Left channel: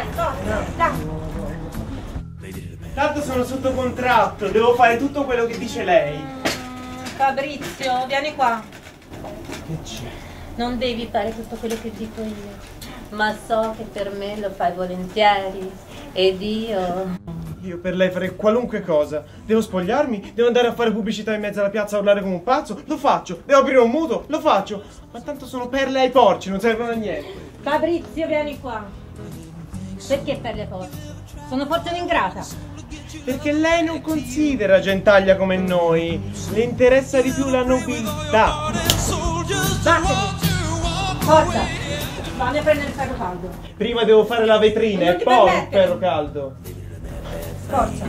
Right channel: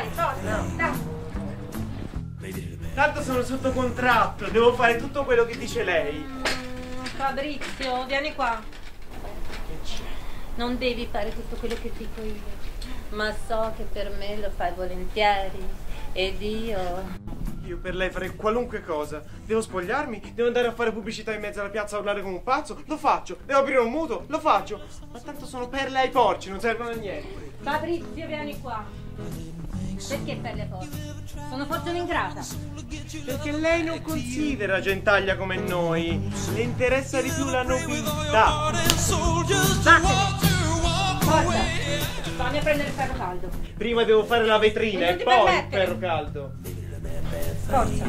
dai, forza, dai. Tanto sono sotto contratto, devo fare tutto quello che dice lei. Fabrizio, vieni qua. Che c'è? Non devi fare tutto quello che dico io, ma so che per me lo fai volentieri. Ed Io per lei farei qualunque cosa. Devo spogliarmi, devo andare a fare pubblicità in mezzo alla piazza a urlare come un pazzo, lo faccio. Devo aprire un mutuo, lo faccio. Ma tanto sono perle ai porci, non servono a niente. Fabrizio, vieni qua. Perché per le porte? Sono forse un'ingrata. Perché lei non considera gentaglia come noi. Le interessa di più la nobiltà. Vattene. Forza. Fammi a prendere il ferro caldo. Prima devo fare la vetrina Non e ti poi il permettere. ferro caldo. Forza.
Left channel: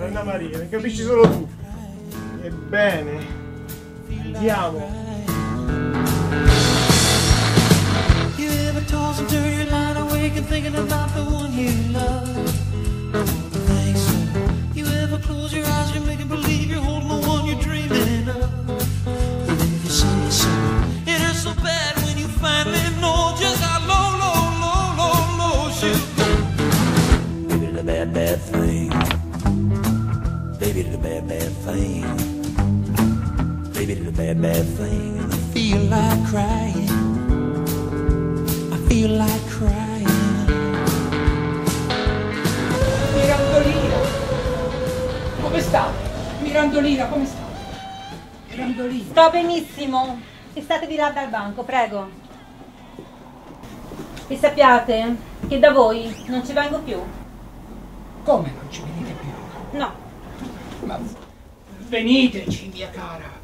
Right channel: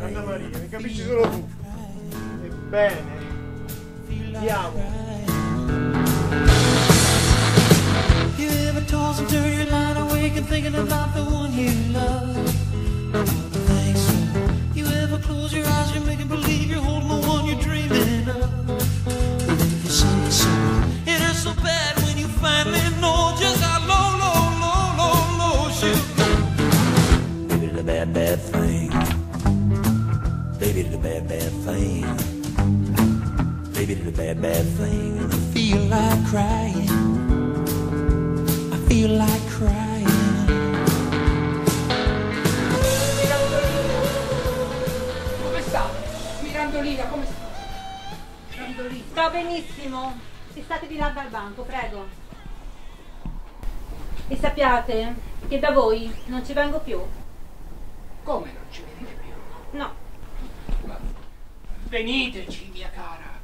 Anna Maria, mi capisci solo tu. Ebbene, andiamo. You ever toss and turn your line awake and thinking about the one you love? I don't think so. You ever close your eyes and make believe you're holding the one you're dreaming of? Even if you say so, it is so bad when you finally know just how low, low, low, low, low you go. Baby, the bad, bad thing. Baby, the bad, bad thing. Baby, the bad, bad thing. And I feel like crying. Feel like crying. Mirandolina, come sta? Mirandolina, come sta? Mirandolina. Sto benissimo. Statevi là dal banco, prego. E sappiate che da voi non ci vengo più. Come non ci venite più? No. Ma veniteci, mia cara.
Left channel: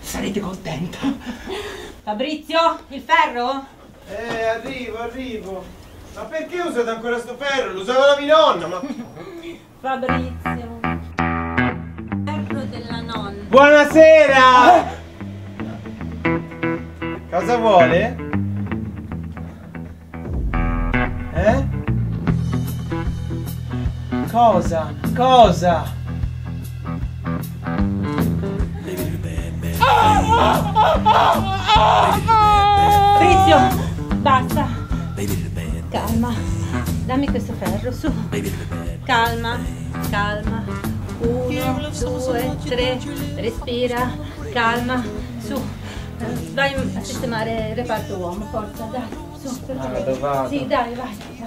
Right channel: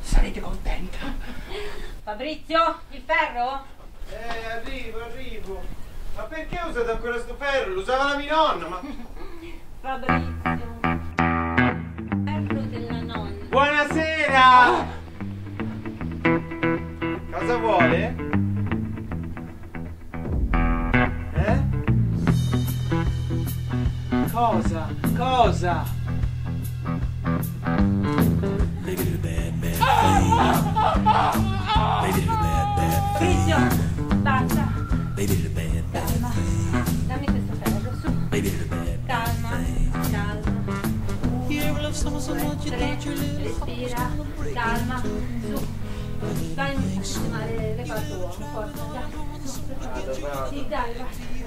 Sarete contenta. Fabrizio, il ferro? Arrivo. Ma perché usate ancora sto ferro? Lo usava la mia nonna, ma... Fabrizio. Ferro della nonna. Buonasera! Cosa vuole? Cosa? Cosa? Fabrizio, basta. Calma. Dammi questo ferro, su. Calma, calma. 1, 2, 3. Respira. Calma. Su. Vai a sistemare il reparto uomo. Forza, dai. Su. Sì, dai, vai.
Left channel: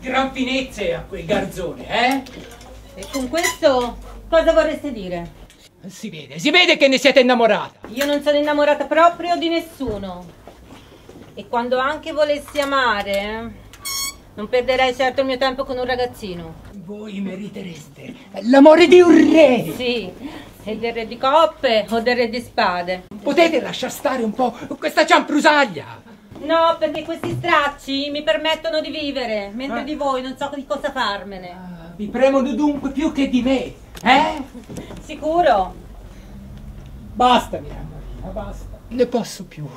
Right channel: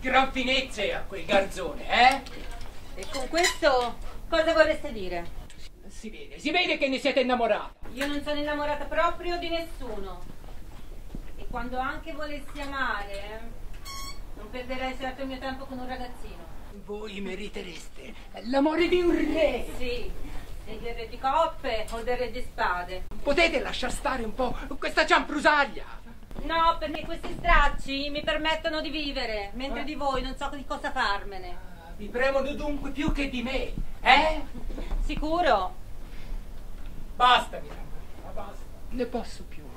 Gran finezze a quel garzone, eh? E con questo cosa vorreste dire? Si vede che ne siete innamorata. Io non sono innamorata proprio di nessuno. E quando anche volessi amare, non perderei certo il mio tempo con un ragazzino. Voi meritereste l'amore di un re. Sì, e del re di coppe o del re di spade. Potete lasciar stare un po' questa cianfrusaglia. No, perché questi stracci mi permettono di vivere, mentre di voi non so di cosa farmene. Vi premono dunque più che di me, eh? Sicuro? Basta, Mirandolina, basta. Ne posso più.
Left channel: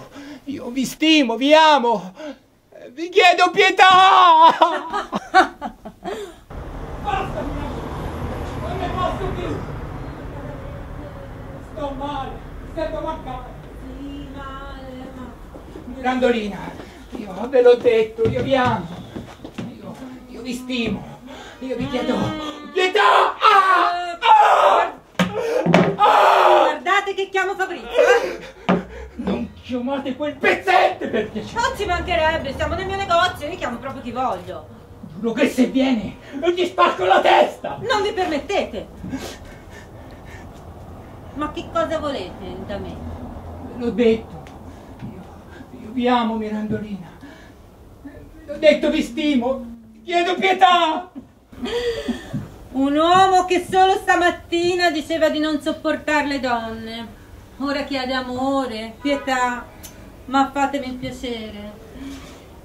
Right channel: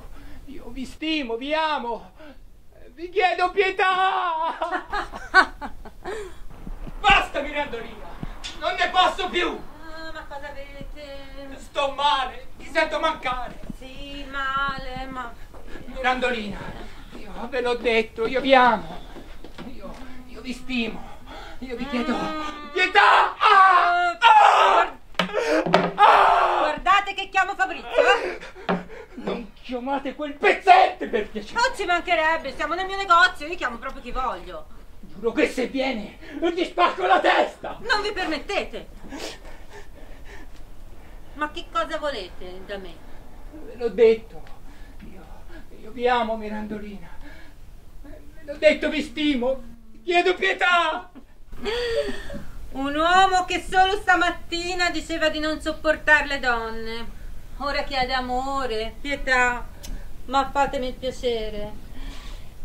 Io vi stimo, vi amo. Vi chiedo pietà. Basta, Mirandolina. Non ne posso più. Ma cosa avete? Sto male. Mi sento mancare. Sì, male, ma... Mirandolina, io ve l'ho detto, io vi amo. Io vi stimo. Io vi chiedo pietà. Guardate che chiamo Fabrizio, Non chiamate quel pezzente per piacere. Non ci mancherebbe, siamo nel mio negozio, io chiamo proprio chi voglio. Giuro che se viene non gli spacco la testa. Non vi permettete. Ma che cosa volete da me? Ve l'ho detto. Io vi amo, Mirandolina. Ve l'ho detto, vi stimo. Chiedo pietà. Un uomo che solo stamattina diceva di non sopportare le donne. Ora chiede amore, pietà. Ma fatemi il piacere.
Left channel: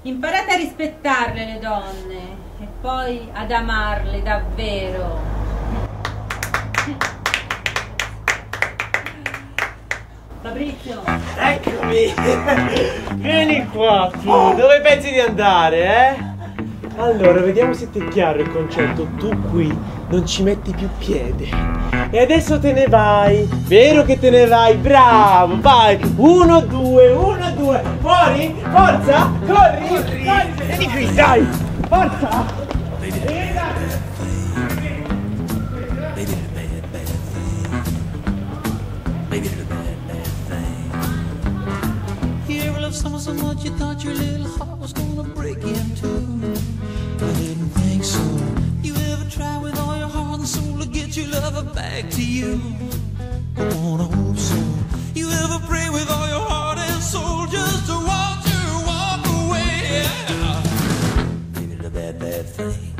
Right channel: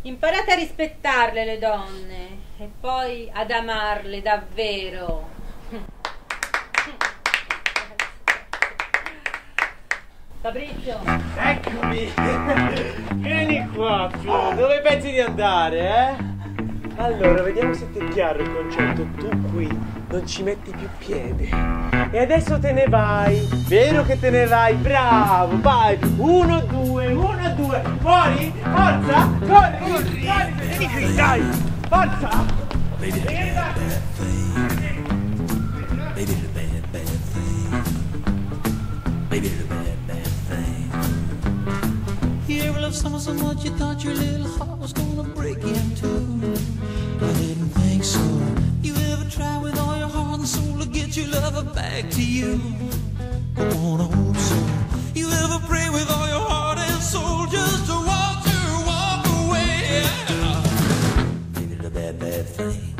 Imparate a rispettarle le donne e poi ad amarle davvero. Fabrizio. Eccomi! Vieni qua, tu! Dove pensi di andare, Allora, vediamo se ti è chiaro il concetto. Tu qui non ci metti più piede. E adesso te ne vai. Vero che te ne vai? Bravo, vai. 1, 2, 1, 2. Fuori, forza, corri. Vieni qui, dai. Forza. They did a bad, bad thing. They did a bad, bad thing. They did a bad, bad thing. You ever loved someone so much you thought your little heart was gonna break in two? I didn't think so. You ever try with all your heart and soul to get your lover back to you? I wanna hope so. You ever pray with all your heart and soul just to watch her walk away? Yeah. They did a bad, bad thing.